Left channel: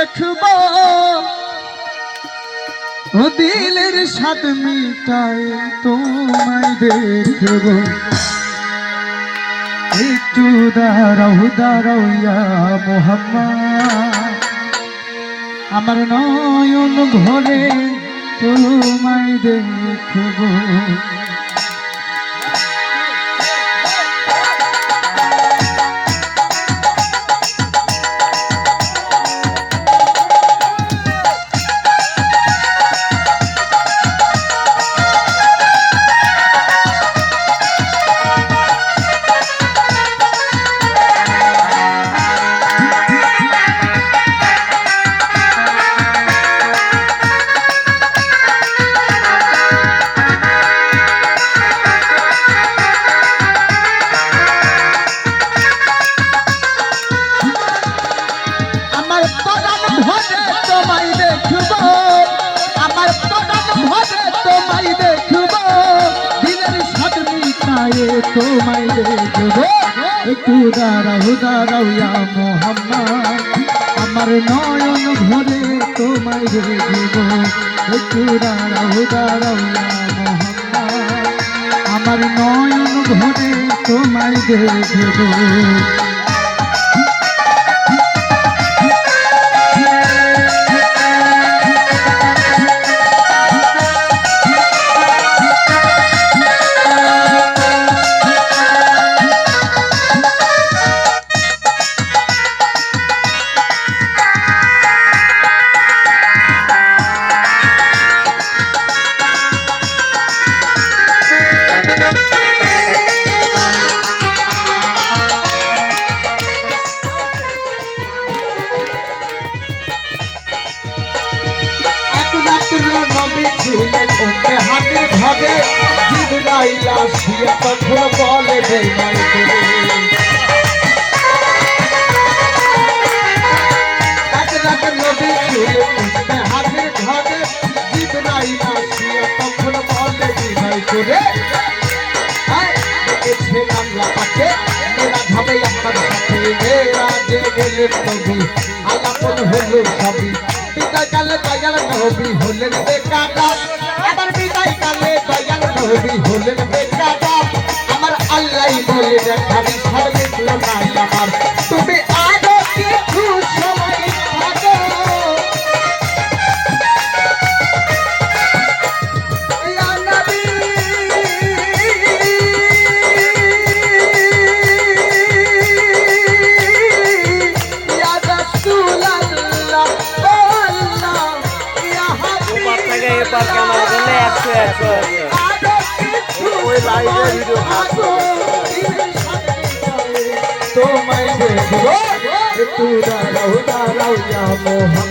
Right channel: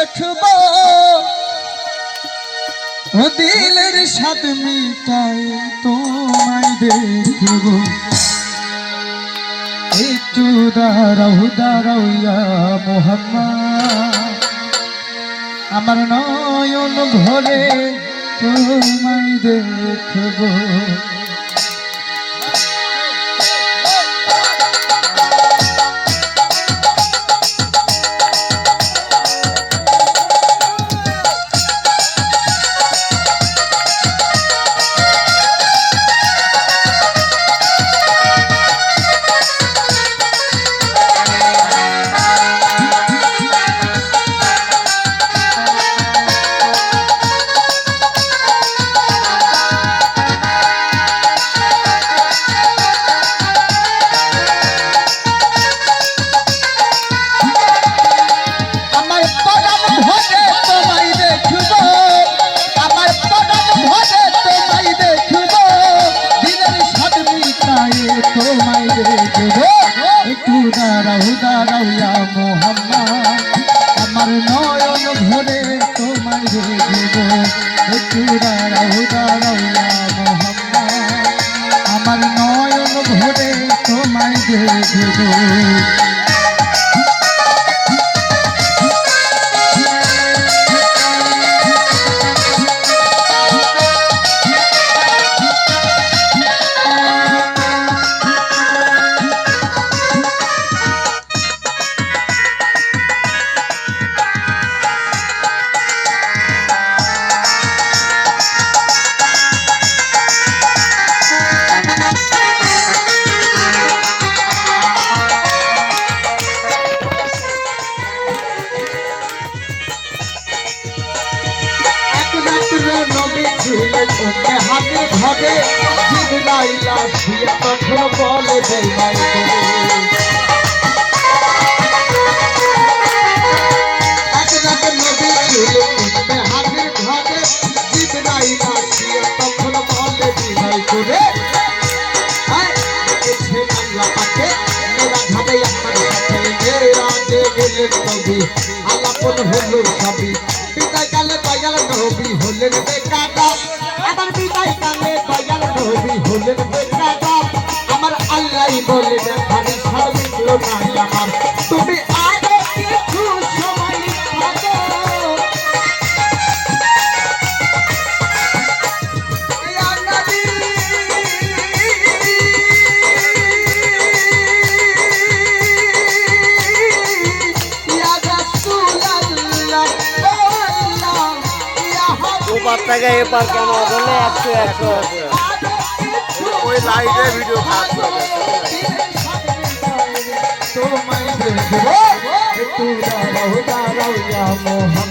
দেখব দিলের স্বাদ মিটায় তোমায় দেখব একটু দাঁড়াও দাঁড়াও ইয়া মোহাম্মদ আমার নয়ন ভরে তোমায় দেখব তোমায় দেখব একটু দাঁড়াও দাঁড়াও ইয়া মোহাম্মদ আমার নয়ন ভরে তোমায় দেখব একটু দাঁড়াও দাঁড়াও ইয়া মোহাম্মদ আমার নয়ন ভরে তোমায় দেখব হাতে ঘরে জিবরাইল আসিয়া তখন বলে বেঈমান করে এক রাত নবী ছিল হাতে ঘরে জিবরাইল আসিয়া তখন বলে বেঈমান করে দেখেছে আল্লাহ পাকে মেরা ভাবে আপনার সাথে মেরা যে গেলে নবী আলাপন হলো সবই বিদায় কালে দয়াল নবী হলেন বেকার আবার বিদায় কালে দয়াল নবী হলেন বেকার আমার আল্লাহ বলে দেখারি সার্বিক নাই আমার তুমি আরো কিছু সময় থাকো ইয়া নবী ইয়া রাসূলুল্লাহ এবার ক্যামেরা ধরলে 100 ওই লাইটে ভিডিও খারাপ করে তোমায় দেখব একটু দাঁড়াও দাঁড়াও ইয়া মোহাম্মদ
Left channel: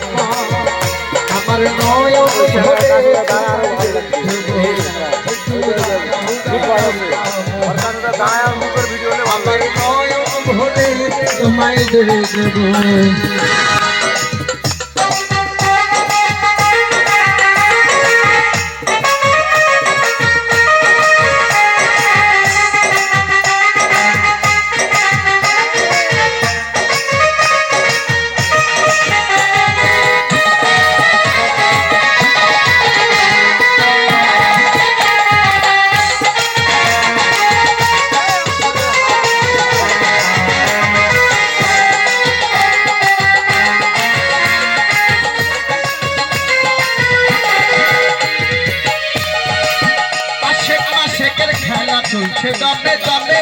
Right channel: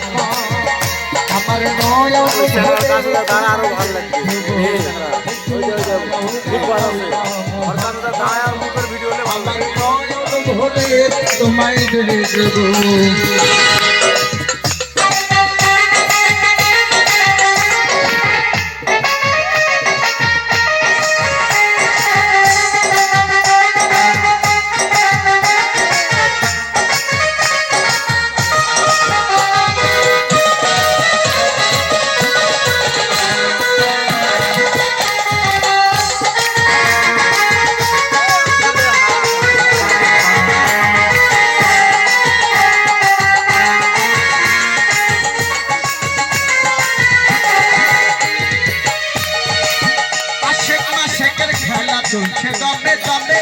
আমার নয়ন দাঁড়া আরো ভালো লাগছে খুব ভালো আছে ওর কাছে দাঁড়ায় আর মুখের ভিডিও হলে ভালো লাগে তোমায় দেখব চলছে দমে দমে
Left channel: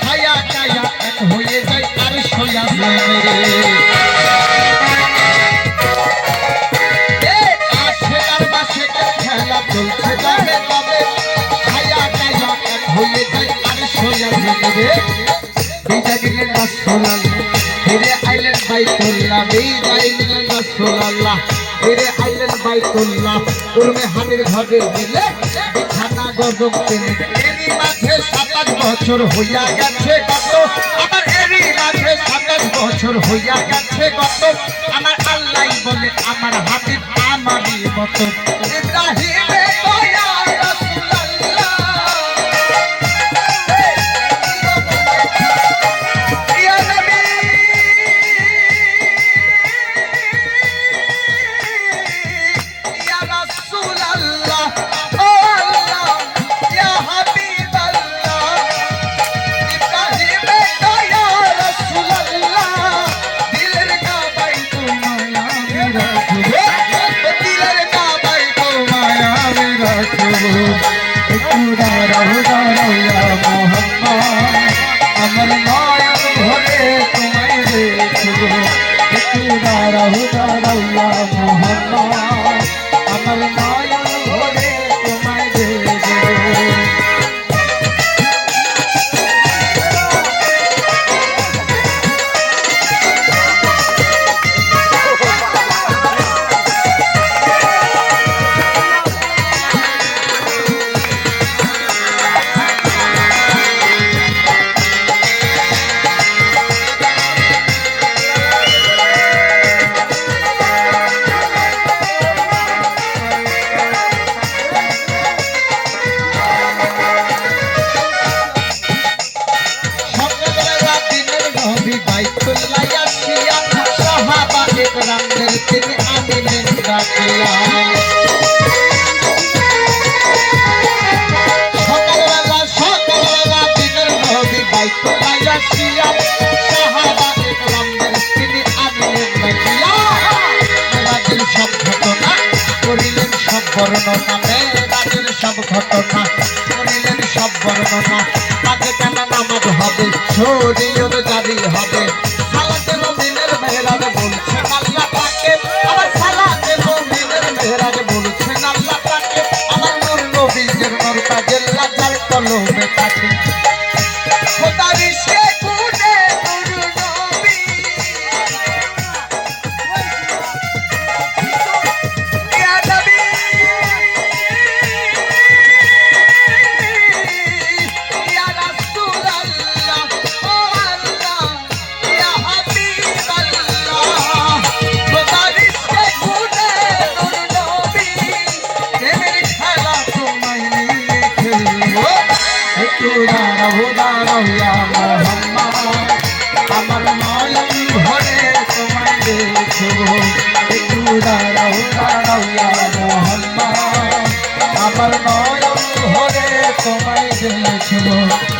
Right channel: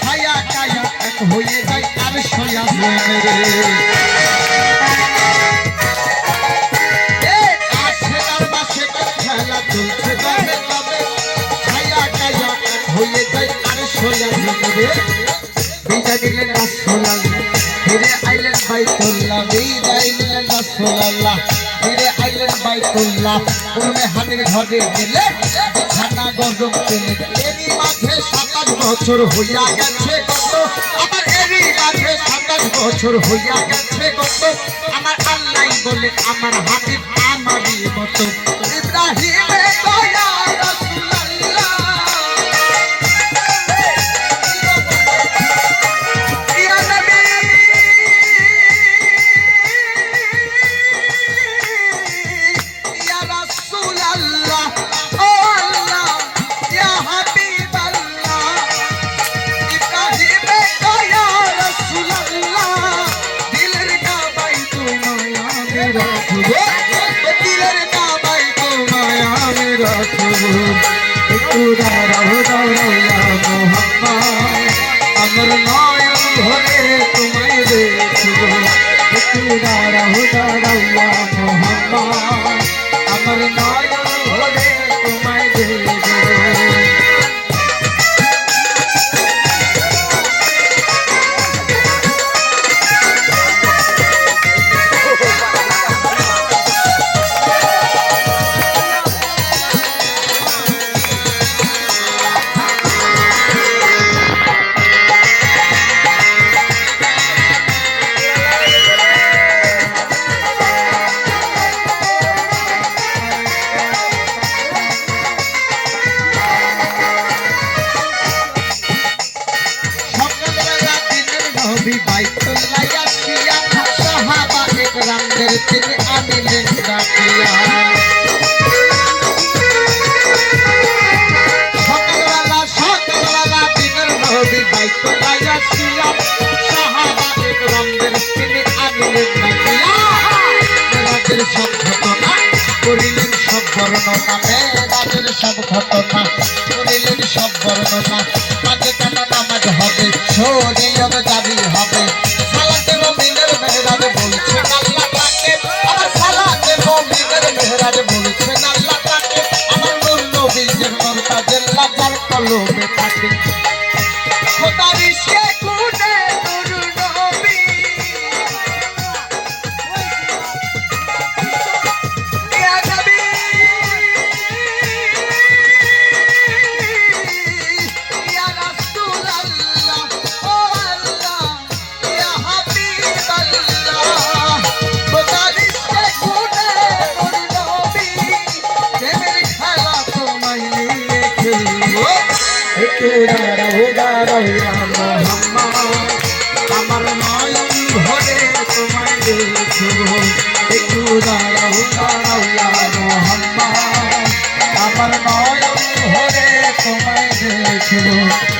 ছায়া কায়া এক হয়ে যায় আর সয়া মেরে আশের মাসে খেলা চলছে দমে দমে ছায়া কায়া এক হয়ে যায় আর সয়া মেরে বিজা দিলেন রাসূলুল্লাহ ফিরে আইলেন বাইতুল্লাহ বিজা দিলেন রাসূলুল্লাহ ফিরে আইলেন বাইতুল্লাহ উর্মে হানির ঘরে গেলে বিছানা গজব তুলে এরই মাঝে 27 বছর হইয়া গেছে কত আমার এরই মাঝে 27 বছর হইয়া গেছে কত আমার আল্লাহ বলে আমার হাবিব আমারই মতো ইব্রাহিমে দয়া রাসূলুল্লাহ ইয়া নবী একটু দাঁড়াও দাঁড়াও ইয়া মোহাম্মদ আমার নয়ন ভরে তোমায় দেখব একটু দাঁড়াও দাঁড়াও ইয়া মোহাম্মদ আমার নয়ন ভরে তোমায় দেখব নবী বাইতুল লাইয়া সাহাবা একরামদের তিনি আনিলেন ডাকিয়া সকালবেলা দিনের নবী বাইতুল লাইয়া সাহাবা একরামদের তিনি আনিলেন ডাকিয়া রাতের সব ঘটনা করিলেন সব বর্ণনা রাতের সব ঘটনা করিলেন সব বর্ণনা তাকে কেন নামাজ হবে শরীয়ত জারি হবে সালাতে মুমিনের মেহরাজ বলছেন আল্লাহ তাকে সালাতে মুমিনের মেহরাজ বলছেন আল্লাহ তাকে আমার নূর নবীর মরতাজের লাজার কলমে থাকে খোদার সে গুণে নূর নবী ইয়া নবী ইয়া রাসূলুল্লাহ ও আল্লাহ ইয়া হাবিবাল্লাহ খোদার সে গুণে নূর নবী প্রেমের খেলা তোমায় নিয়ে খেলবো একটু দাঁড়াও দাঁড়াও ইয়া মোহাম্মদ আমার নয়ন ভরে তোমায় দেখব একটু দাঁড়াও দাঁড়াও ইয়া মোহাম্মদ আমার নয়ন ভরে তোমায় দেখব